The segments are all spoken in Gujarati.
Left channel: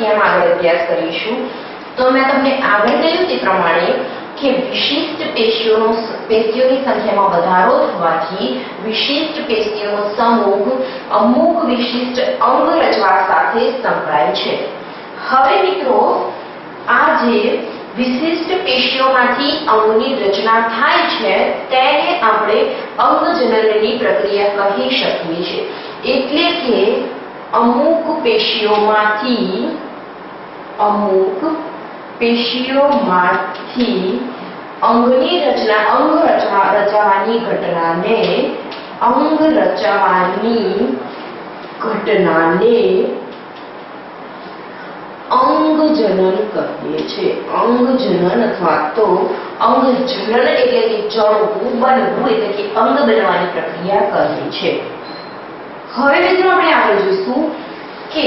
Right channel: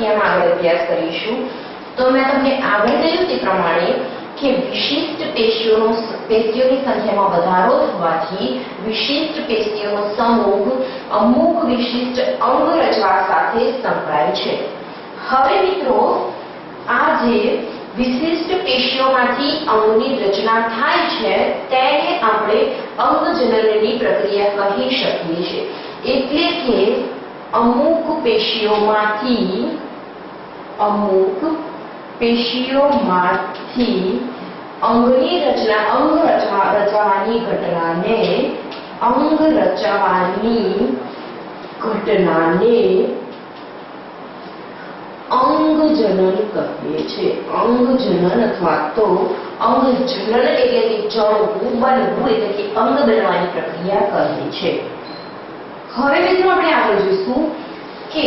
પ્રક્રિયામાં આગળ અભ્યાસ કરીશું. તો મેં તમને આગળ કહ્યું તે પ્રમાણે કે વિશિષ્ટ પેશીઓની સંખ્યામાં વધારો થવાથી વિશિષ્ટ પેશીઓનો સમૂહ અમુક વિશિષ્ટ અંગ રચવા સાથે સંકળાય છે. હવે મિત્રો, આ જે વિશિષ્ટ પેશીઓમાંથી અંગની રચના થાય છે તેને આપણે અંગજનનની પ્રક્રિયા કહી શકીએ છીએ. એટલે કે અમુક પેશીઓમાંથી અંગની રચના રચવાની ઘટનાને અંગજનન કહીએ છીએ. અંગજનન અથવા તો અંગજનન એટલે કે જળવું, બનવું એટલે કે અંગ બનવાની પ્રક્રિયા કહે છે. હવે મિત્રો આપણે આગળ જોઈશું કે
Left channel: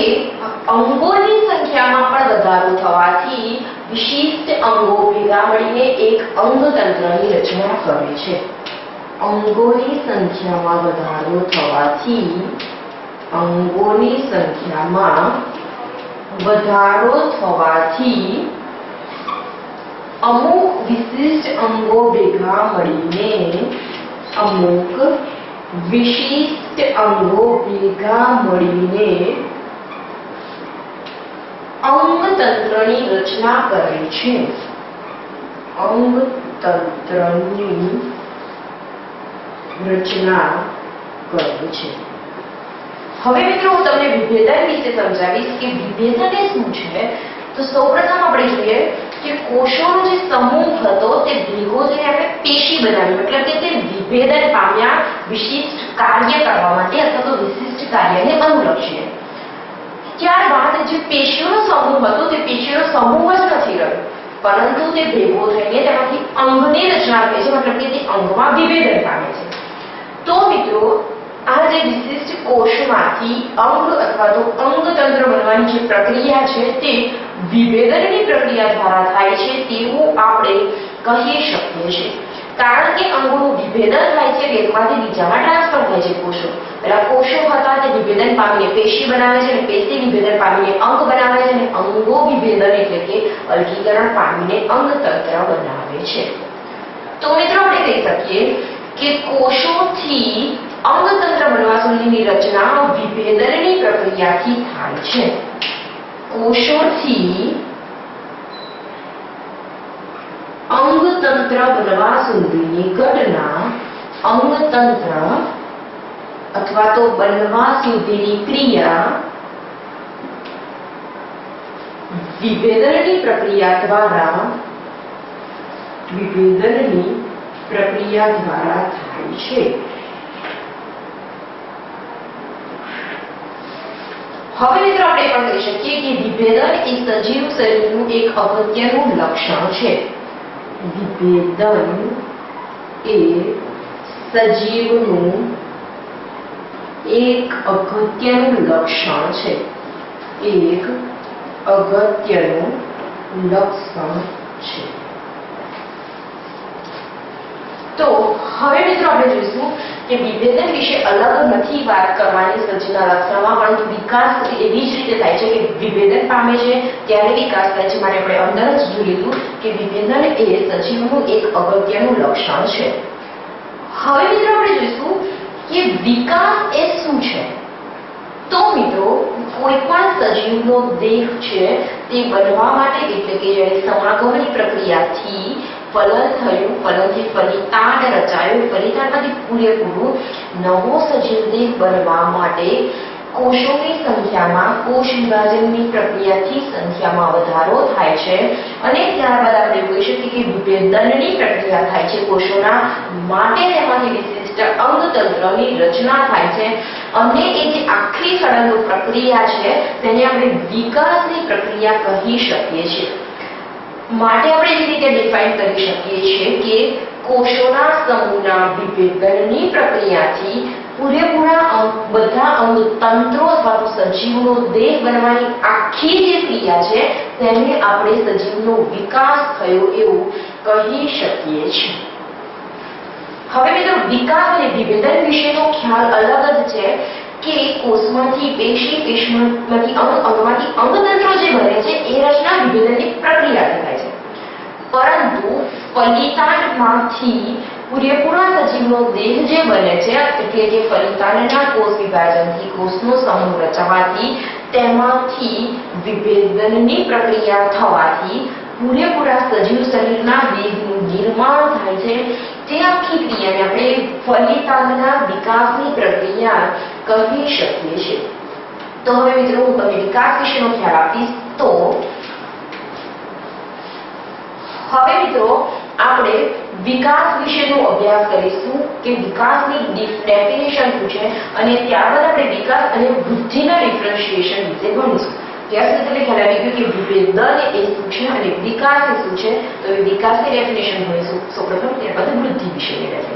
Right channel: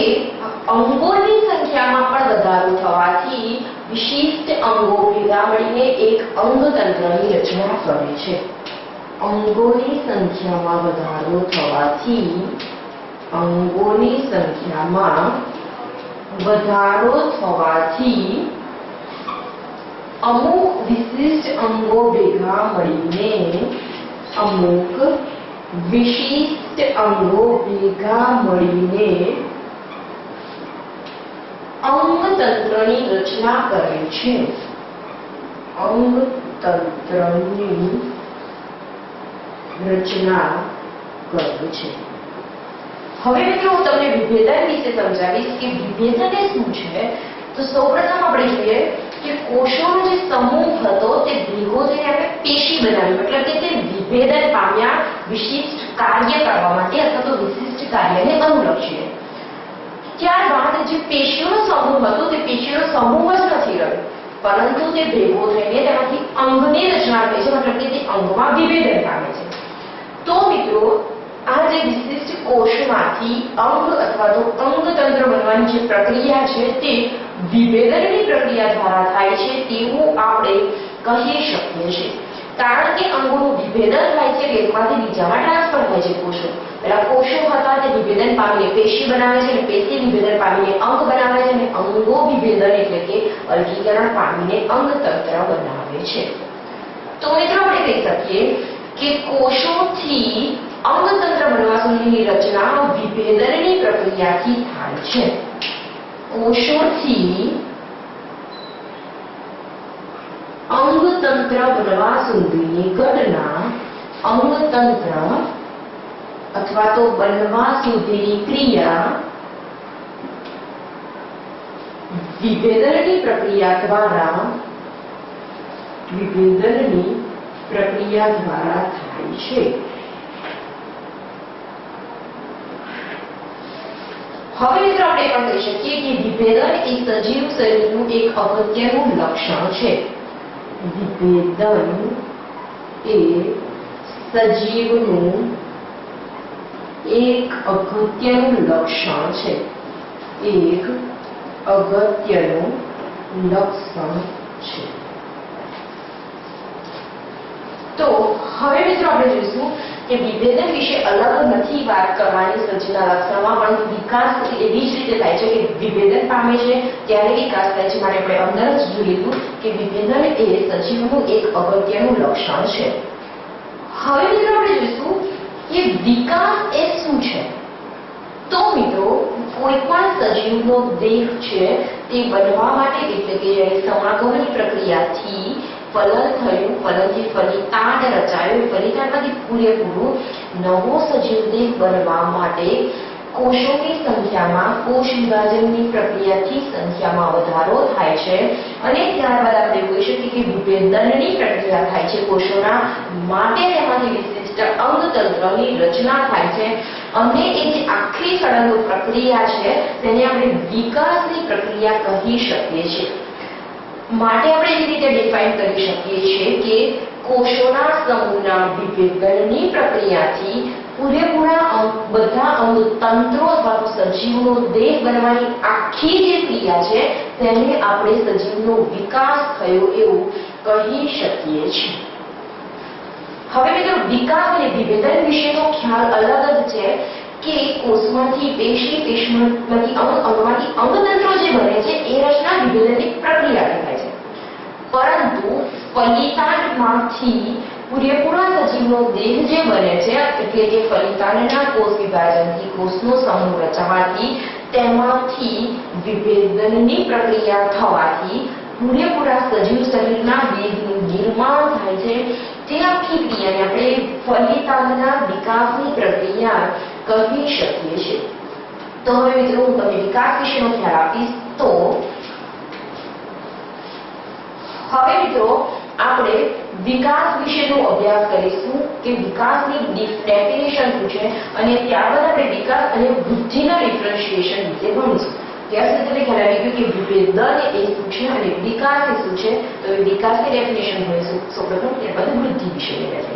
અંગોની સંખ્યામાં પણ વધારો થવાથી વિશિષ્ટ અંગો ભેગા મળીને એક અંગતંત્રની રચના કરે છે. અંગોની સંખ્યામાં વધારો થવાથી અમુક વિશિષ્ટ અંગો ભેગા મળીને અંગતંત્રની રચના કરે છે. હવે મિત્રો હું તમને વિભેદન વિશે સમજાવીશ કે વિભેદન એ શું છે. તો સૌપ્રથમ આપણે જોઈએ કે કોષોનો જે સમૂહ હતો તે ભેગો થઈને આપણે પેશી બનાવી, મતલબ કે તે વિભેદન પામ્યા વિશિષ્ટ કાર્ય કરવા માટે અથવા તો વિશિષ્ટ કાર્યને અનુલક્ષીને. ત્યારબાદ જે પેશીઓનો સમૂહ હતો તે પેશીઓનો સમૂહ જ નથી રહ્યો, પરંતુ તે ભેગો થઈને તેમાંથી અંગની રચના થાય છે, મતલબ કે તે અંગમાં વિભેદન પામે છે. તો મિત્રો, આ જે વિશિષ્ટ કોષમાંથી અંગ અથવા તો અંગતંત્ર બનવાની જે પ્રક્રિયા છે તે વિભેદનની પ્રક્રિયા દ્વારા થાય છે તેવું આપણે કહી શકીએ છીએ. કારણ કે અંગોનું વિભેદન થાય છે, એકમાંથી બીજામાં ટ્રાન્સફર થાય છે. પેલા કોષો હતા તે વિભેદન પામીને પેશી બનાવે છે, અને પેશી વિભેદન પામીને અંગ બનાવે છે, અને અંગો વિભેદન એટલે કે અલગીકરણ પામીને અંગતંત્ર બનાવે છે. તો મિત્રો આપણે કહી શકીએ કે કોષોથી અંગતંત્ર બનવા સુધીની રચના વિભેદનની પ્રક્રિયાથી થાય છે. કોષોથી અંગતંત્ર બનવા સુધીની ઘટના અંગતંત્ર અથવા તો બનવા સુધીની ક્રિયા વિભેદનની પ્રક્રિયા દ્વારા થાય છે. હવે મિત્રો આપણે પણ કહી શકીએ કે વિભેદન એ સજીવ શરીરનું એક અગત્યનું લક્ષણ છે. વિભેદન એ સજીવનું એક અગત્યનું લક્ષણ છે. તો હવે મિત્રો આપણે જોઈશું કે વિભેદન વિશે અલગ નથી વાત કરવાની સજીવના લક્ષણમાં, પરંતુ વિકાસ એવી જ રીતે થાય છે કે વિભેદન પામે છે ત્યારે વિકાસ થાય છે. માટે આપણે અંદર જ જોઈ લીધું કે વિભેદન એ સજીવનું એક અગત્યનું લક્ષણ છે. હવે મિત્રો આપણે જોઈશું કે વિકાસ એ શું છે. તો મિત્રો, કોઈ પણ સજીવનો દેહ છે તે બનવા માટે એટલે કે જ્યારે સમાગમની પ્રક્રિયાથી ફલન થયું, ફલનથી ફલિતાંડ રચાયું, ફલિતાંડમાંથી પૂરેપૂરું નવો સજીવ દેહ બનવા માટે કોષોની સંખ્યામાં કોષ વિભાજનની પ્રક્રિયાથી સંખ્યામાં વધારો થાય છે. અને ત્યારબાદ આપણે જોઈ શકીએ કે વિભેદનની પ્રક્રિયા થાય છે કોષોના, માટે તેમાંથી વિશિષ્ટ અંગતંત્રની રચના થાય છે. અને એ જે આખી સળંગ પ્રક્રિયા છે તેને આપણે વિકાસની પ્રક્રિયા કહી શકીએ છીએ. માટે આપણે એવી રીતે ડિફાઇન કરી શકીએ છીએ કે કોષોના સમૂહના વિભેદનની પ્રક્રિયાથી પૂરેપૂરા બધા અંગતંત્રો અથવા તો સજીવનો દેહ બનવાની આખી જે ક્રિયા છે તેને આપણે સજીવનો વિકાસ થયો એવું કહી શકીએ છીએ. હવે મિત્રો, વિકાસ અને વિભેદન વિશેનો ખ્યાલ અલગ જ છે. કે કોષમાંથી પેશી, પેશીમાંથી અંગ, અંગમાંથી અંગતંત્રો જે બને છે એ રચના વિભેદનની પ્રક્રિયાથી થાય છે. પરંતુ ફલિતાંડમાંથી પૂરેપૂરા સજીવનો દેહ જે બને છે એટલે કે ફલિતાંડના કોષ વિભાજનથી કોષનો સમૂહ રચાવાથી તેમાંથી વિભેદનની પ્રક્રિયા થવાથી પૂરેપૂરા સજીવ શરીરના દેહનું નિર્માણ થાય છે. તે આખી ક્રિયાને આપણે ફલિતાંડના વિકાસની પ્રક્રિયા કહી શકીએ છીએ. તો હવે મિત્રો હું તમને વિકાસ વિશેનો ખ્યાલ આપીશ. તો હવે મિત્રો આપણે વિકાસ વિશેનો અભ્યાસ કરીશું કે વિકાસની ડેફિનેશન શું છે અને ત્યારબાદ આપણે વિકાસ અને વૃદ્ધિના ડિફરન્શિએશન વિશે ભણીશું. ત્યાં સુધી તમને ખ્યાલ આવી ગયો કે વિભેદન એ શું છે અને વિકાસ એ શું છે. તો એ વિકાસની ડેફિનેશન ભણીશું સૌપ્રથમ, ત્યારબાદ વૃદ્ધિ વિશેની ડેફિનેશન.